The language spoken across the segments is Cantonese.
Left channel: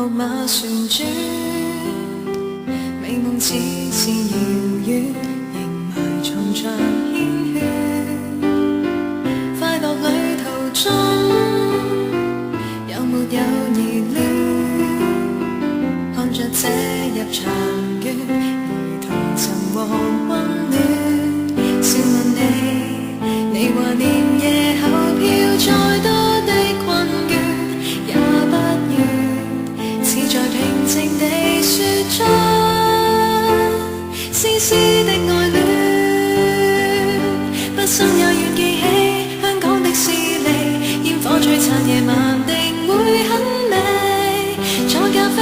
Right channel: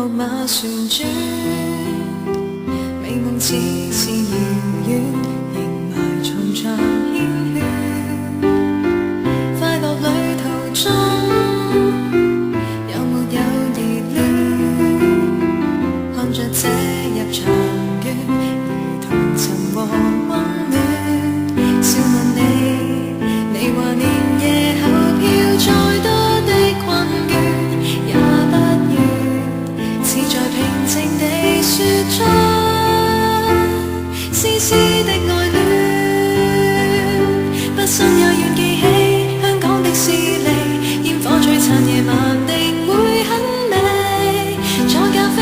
木馬旋轉，美夢似是遙遠，仍埋藏着牽圈。快樂旅途中，有沒有疑戀？看着這入場券，兒童尋獲溫暖。笑問你，你話連夜後飄再多的困倦，也不願似在平靜地說出絲絲的愛戀。不生也願記起香港的士尼，煙火璀璨夜晚定會很美。坐咖啡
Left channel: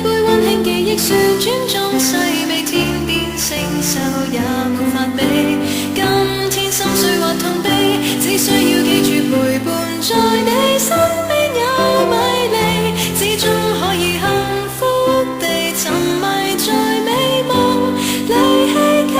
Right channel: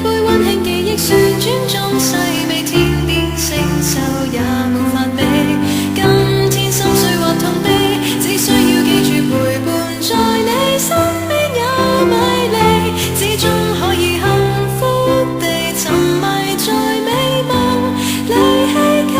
杯溫馨記憶旋轉中細味，天邊星宿也無法比。今天心碎或痛悲，只需要記住陪伴在你身邊有米粒，始終可以幸福地沉迷在美夢裏希冀。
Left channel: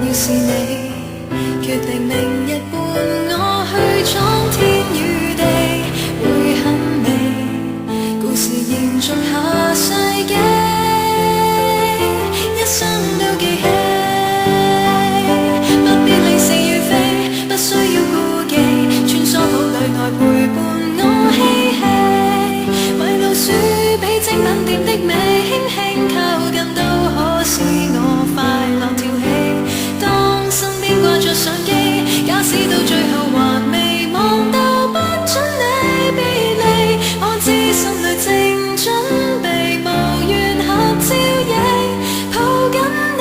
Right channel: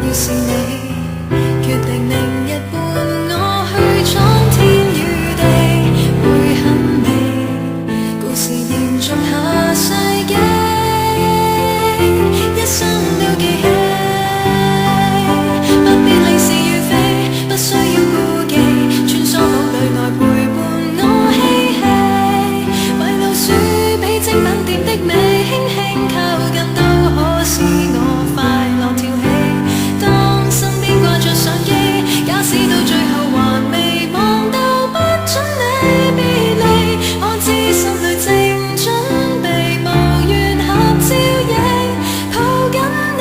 要是你決定明日伴我去闖天與地，會很美，故事延續下世紀，一生都記起。不必理是與非，不需要顧忌，穿梭堡壘內陪伴我嬉戲，為老鼠比精品店的美，輕輕靠近都可使我快樂跳起。身邊掛着相機，假使到最後還未望到，不准你別離。我知心裏正準備無緣合照影，抱緊你。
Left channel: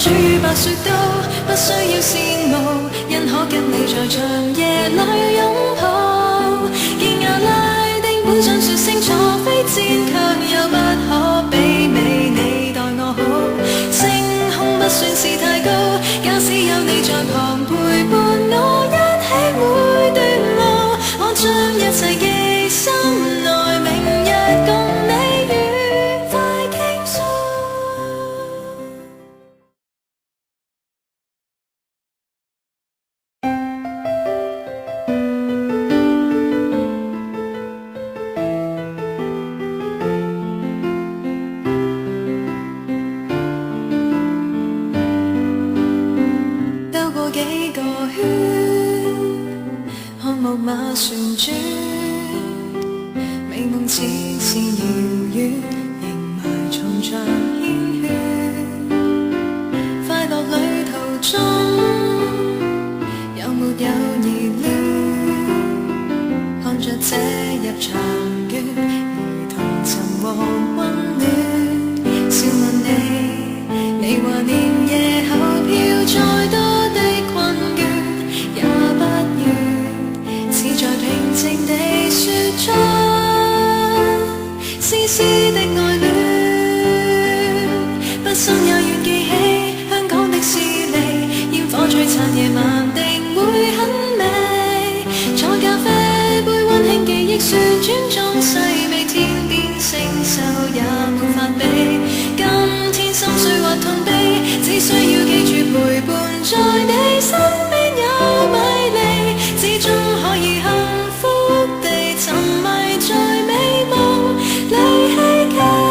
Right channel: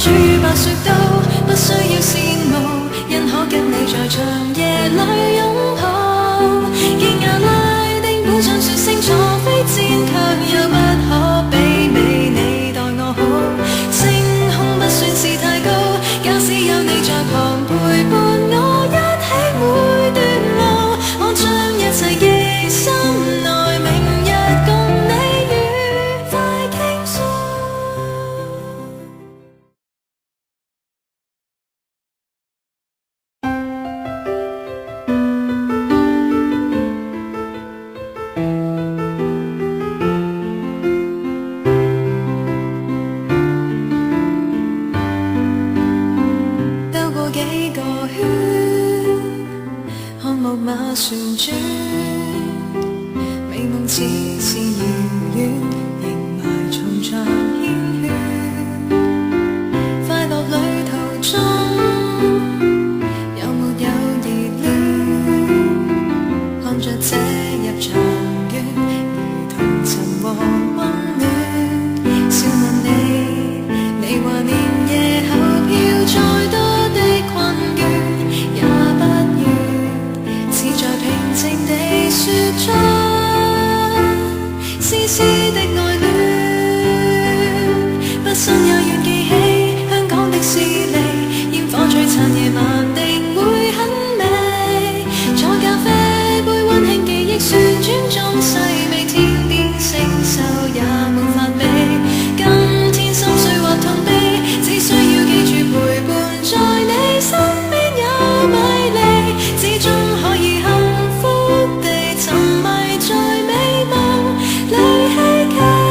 主與白雪都不需要羨慕，因可跟你在長夜裏擁抱。見亞拉丁本想說清楚，非戰卻又不可媲美你待我好。星空不算是太高，假使有你在旁陪伴我一起每段路，我將一切記心內，明日共你愉快傾訴。幾個圈，看木馬旋轉，美夢似是遙遠，仍埋藏着牽圈。快樂旅途中，有沒有疑戀？看着這入場券，兒童尋獲溫暖。笑問你，你話連夜後飄再多的困倦，也不願似在平靜地說出絲絲的愛戀。不生也願記起香港的士尼，煙火璀璨夜晚定會很美。坐咖啡杯溫馨記憶旋轉中細味，天邊星宿也無法比。今天心碎或痛悲，只需要記住陪伴在你身邊有米粒，始終可以幸福地沉迷在美夢裏希冀。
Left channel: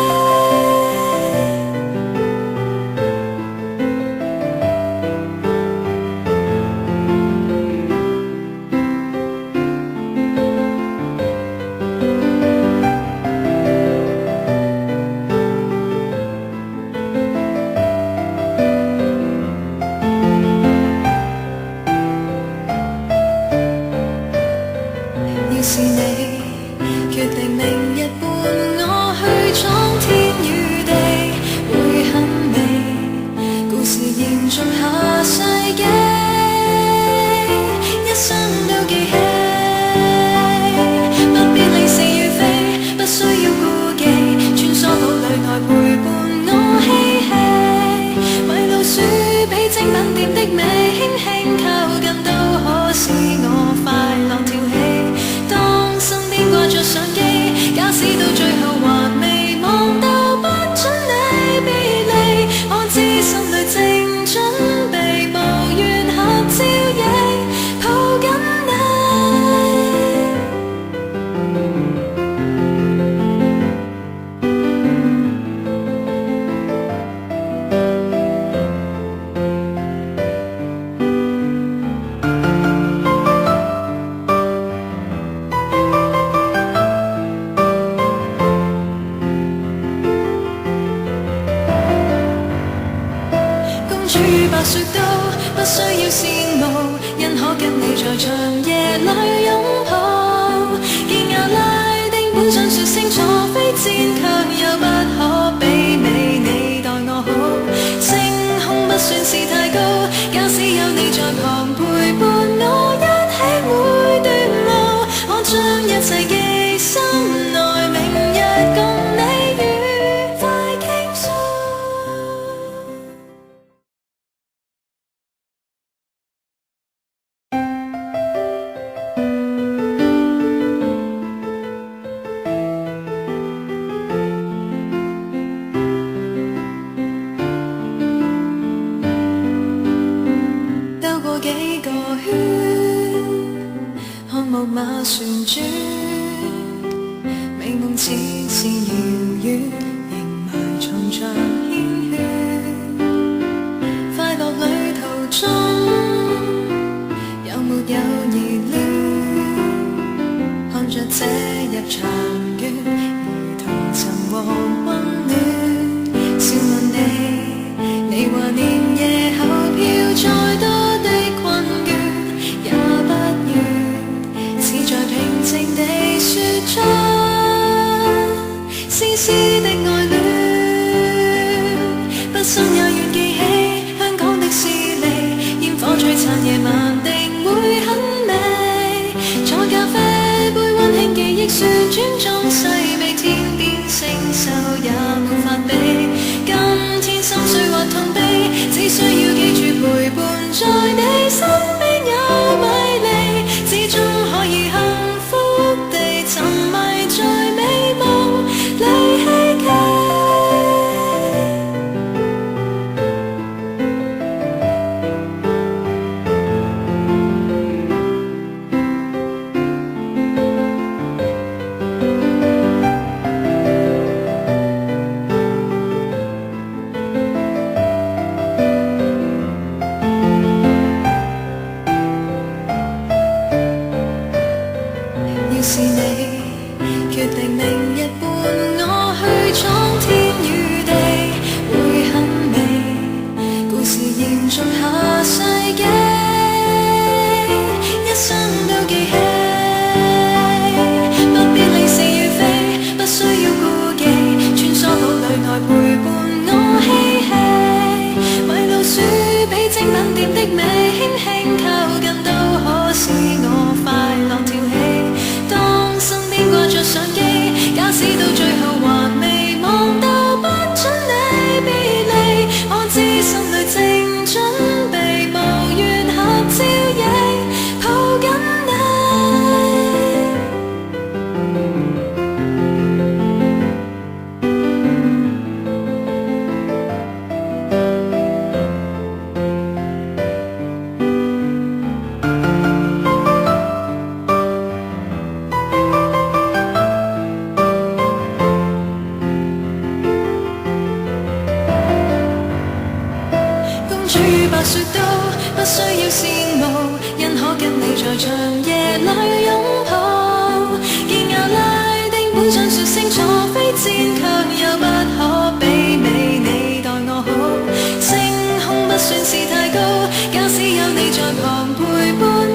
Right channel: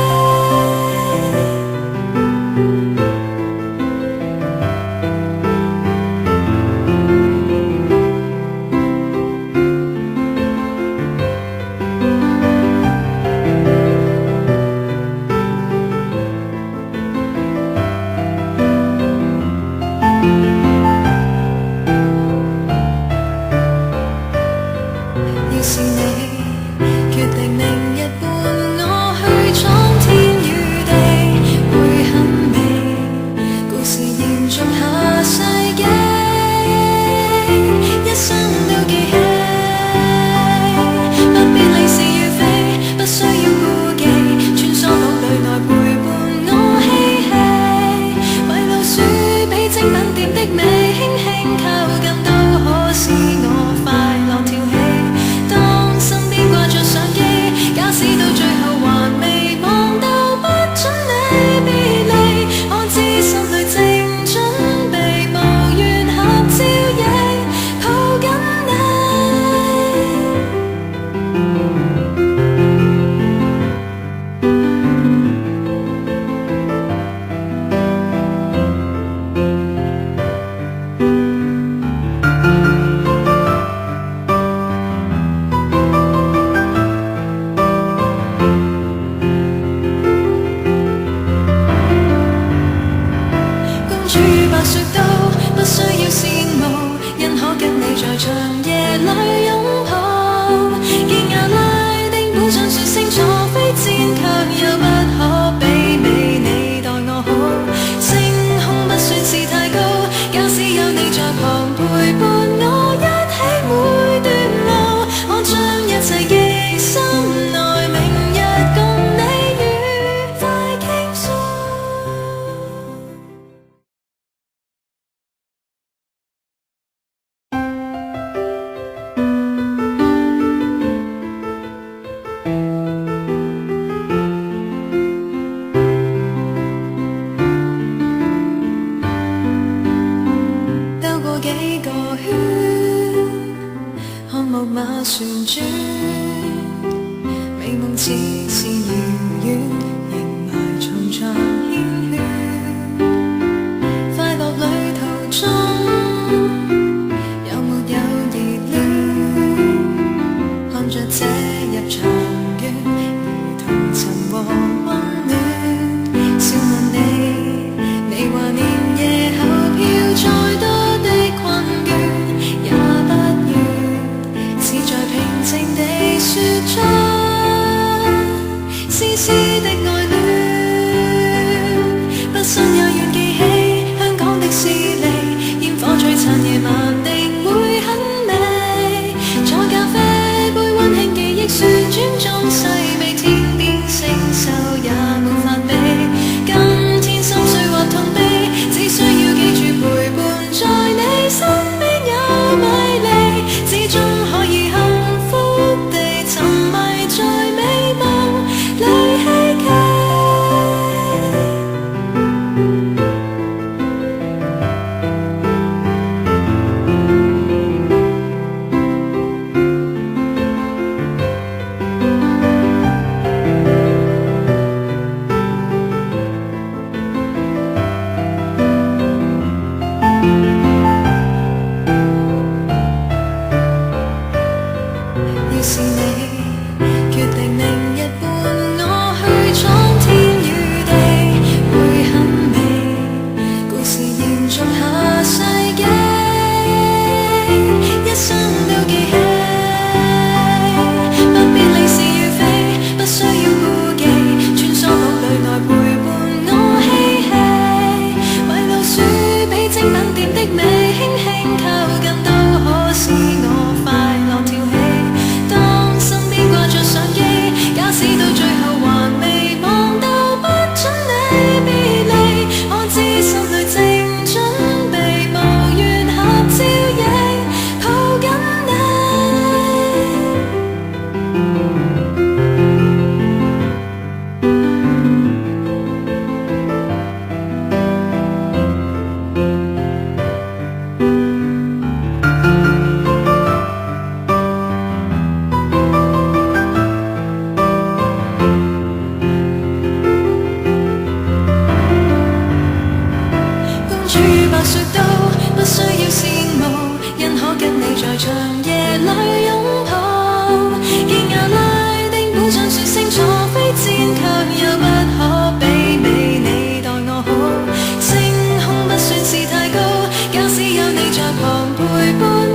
定明日伴我去闖天與地，會很美。故事延續下世紀，一生都記起。不必理是與非，不需要顧忌，穿梭堡壘內陪伴我嬉戲。迷路鼠比精品店的美，輕輕靠近都可使我快樂跳起。當身邊掛着相機，假使到最後還未望到，不准你別離，我知心裏正準備，無緣合照影，抱緊你。主與白雪都不需要羨慕，因可跟你在長夜裏擁抱。見亞拉丁本想說清楚，非戰卻又不可媲美你待我好。星空不算是太高，假使有你在旁陪伴我一起每段路，我將一切記心內，明日共你愉快傾訴。幾個圈，看木馬旋轉，美夢似是遙遠，仍埋藏着繾綣。快樂旅途中，有沒有熱戀？看着這入場券，如同尋獲溫暖。笑問你，你話年夜後票再多的困倦也不願，似在平靜地說出絲絲的愛戀。不信也願記起香港的士尼，煙火璀璨夜晚定會很美。坐咖啡杯溫馨記憶旋轉中細味，天邊星宿也無法比。今天心碎或痛悲，只需要記住陪伴在你身邊有米離，始終可以幸福地沉迷在美夢裏希冀。要是你決定明日伴我去闖天與地，會很美。故事延續下世紀，一生都記起。不必理是與非，不需要顧忌，穿梭堡壘內陪伴我嬉戲。迷路鼠比精品店的美，輕輕靠近都可使我快樂跳起。當身邊掛着相機，假使到最後還未望到，不准你別離，我知心裏正準備，無緣合照影，抱緊你。主與白雪都不需要羨慕，因可跟你在長夜裏擁抱。見亞拉丁本想說清楚，非戰卻又不可媲美你待我好。星空不算是太高，假使有你在旁陪伴。